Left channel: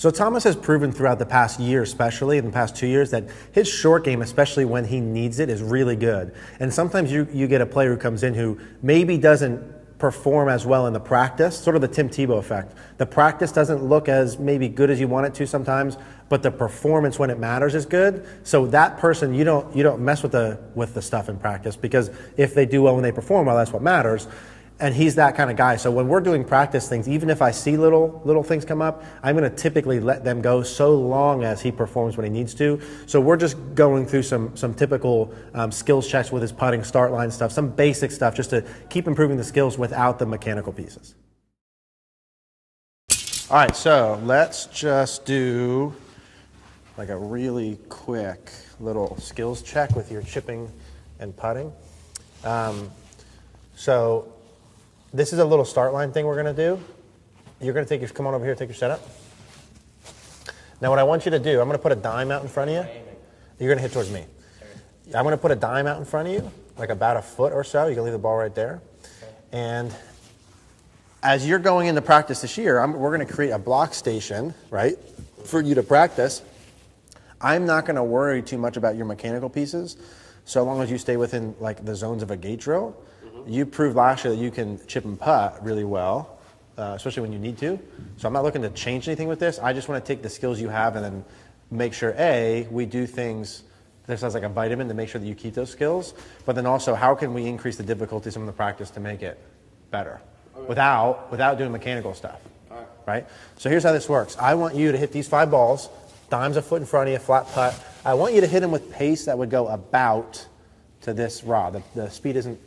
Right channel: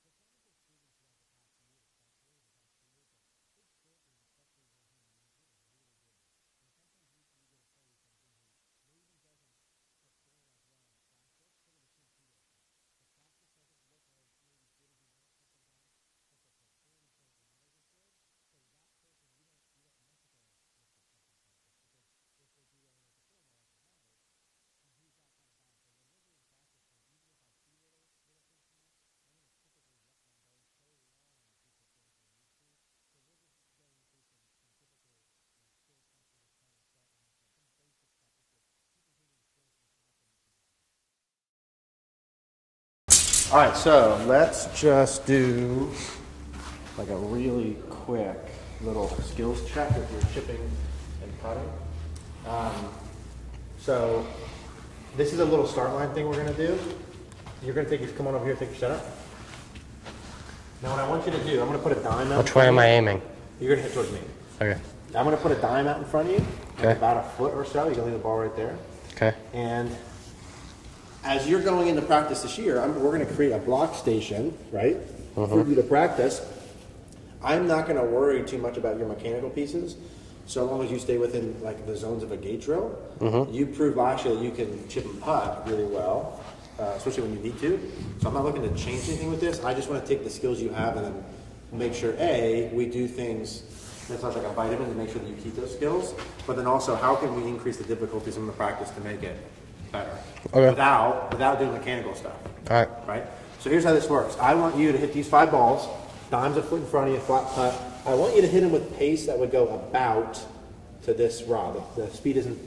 So Thomas has proven throughout the past year, especially in the past 2 years, that his short game, especially when he needs it, is really good. And sometimes you get a player who comes in who maybe doesn't perform as well in the practice, sort of the Tim Tebow effect. The practice doesn't look as maybe good as you want it to sometimes, but the performance when it matters is good. So that person, you don't mess with the stuff in practice, because if they do well when they perform well, that's what matters. And he's that kind of guy. So when we're doing practice things, even if I see little things come up, I'm going to typically let them go so long as he performs when he needs to. So we're just going through some typical skills checks with his putting, start line stuff, some basic stuff, just to keep improving the skills without the mechanical pieces. All right, so let's just do like a really quick little skills check with your chipping and putting. So this is a little start line thing we're going to do. You're going to come on over here, take your setup. Now what I want you to do, I'm going to put a dime out in front of you. Which way am I aiming? You're going to hit towards me. Okay. I'm going to put a dime out in front of you, like about a foot or so. You can leave the ball right there. Okay. And as you're going into practice this year, we're going to create a block station, right, for you to practice. I'm not going to worry too much about your mechanical pieces, so long as you stay within like the zones of a gate drill. You proved last year that you can chip and putt really well, especially when you need to. So I'm not looking to change anything with this. I just want to take the skills you have and then make sure, A, we do things, that sounds like a vitamin, to make sure that you keep those skills, but then also how can we increase the difficulty some of the practice to make it better without doing mechanical stuff. All right. Right? So here's how this works. I want you to hit these 5 balls, dimes a foot in front of you, flat putt. I want you to hit them with pace that would go about to this rod. The speed isn't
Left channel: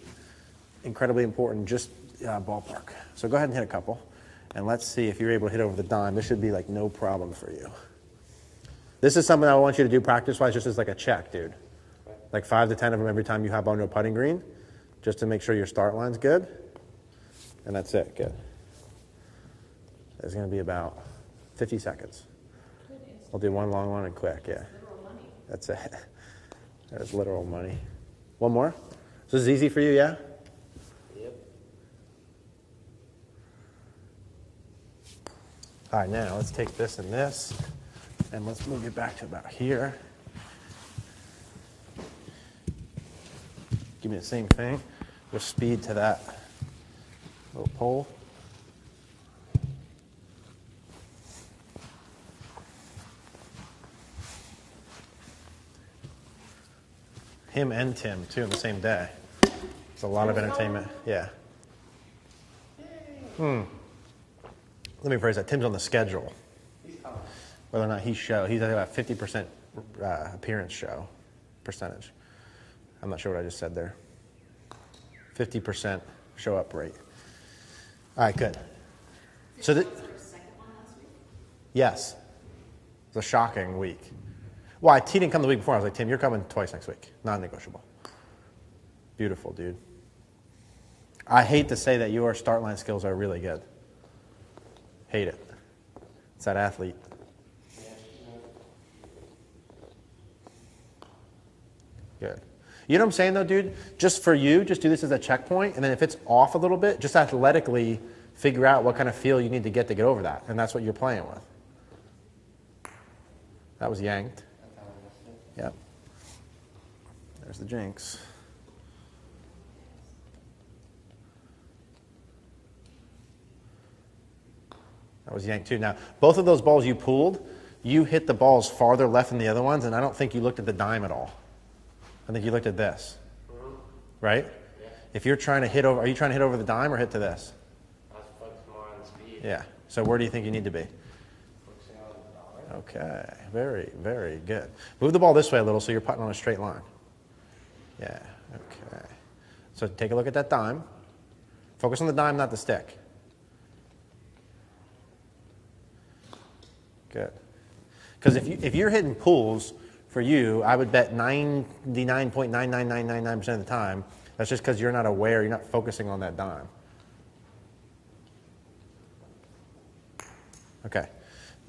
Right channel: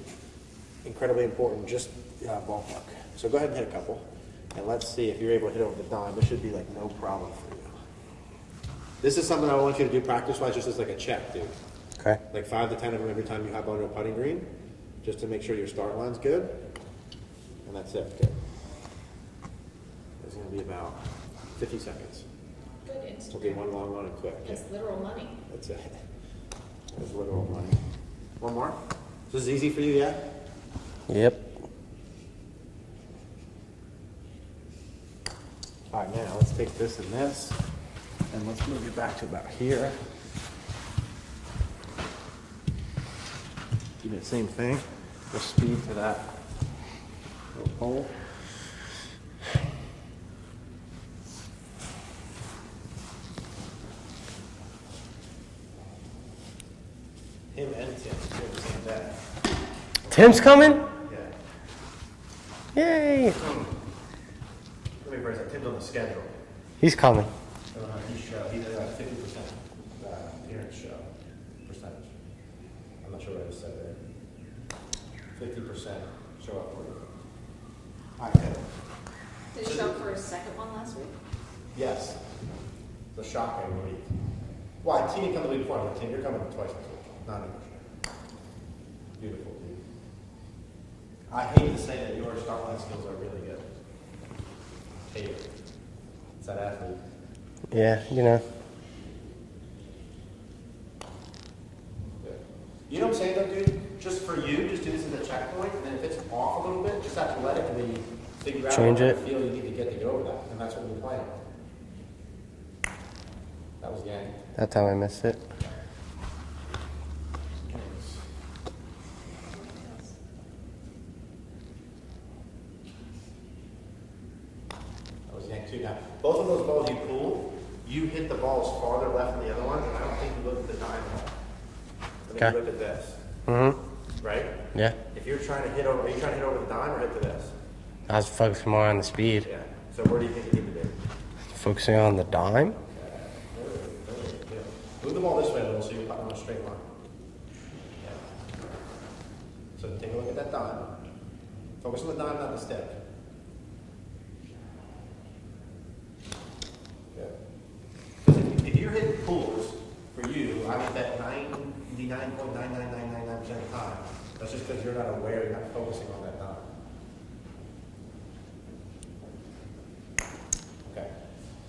incredibly important, just ballpark. So go ahead and hit a couple, and let's see if you're able to hit over the dime. This should be like no problem for you. This is something I want you to do practice-wise, just as like a check, dude. Okay. Like 5 to 10 of them every time you hop onto a putting green, just to make sure your start line's good. And that's it. Good. It's going to be about 50 seconds. Good. I'll do one long one and quick. That's literal money. That's it. That's literal money. One more. So this is easy for you, yeah? Yep. All right, now let's take this and this, and let's move it back to about here. Give me the same thing. With speed to that little pole. Him and Tim, too, on the same day. Tim's coming? Yeah. Yay. Let me phrase that. Tim's on the schedule. He's coming. Whether or not he's I think about 50% appearance show percentage. I'm not sure what I just said there. 50% show up rate. All right, good. Did you show up for his second one last week? Yes. It's a shocking week. Well, he didn't come the week before. I was like, Tim, you're coming twice next week. Non-negotiable. Beautiful, dude. I hate to say that your start line skills are really good. Hate it. It's that athlete. Yeah, you know. Good. You know what I'm saying, though, dude? Just for you, just do this as a checkpoint, and then if it's off a little bit, just athletically figure out what kind of feel you need to get over that, and that's what you're playing with. That was yanked. That time I missed it. Yeah. There's the jinx. That was yanked too. Now, both of those balls you pulled, you hit the balls farther left than the other ones, and I don't think you looked at the dime at all. I think you looked at this. Right? Yeah. If you're trying to hit over, are you trying to hit over the dime or hit to this? I was focusing more on the speed. Yeah. So where do you think you need to be? Focusing on the dime. Okay. Very, very good. Move the ball this way a little so you're putting on a straight line. Yeah. Okay. So take a look at that dime. Focus on the dime, not the stick. Good. Because if you're hitting pulls, for you, I would bet 99.99999% of the time, that's just because you're not aware, you're not focusing on that dime. Okay.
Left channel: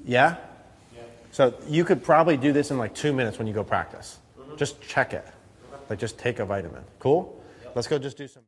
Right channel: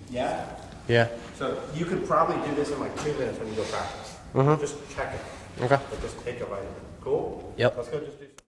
Yeah? Yeah. So you could probably do this in like 2 minutes when you go practice. Just check it. Okay. Like just take a vitamin. Cool? Yep. Let's go just do some.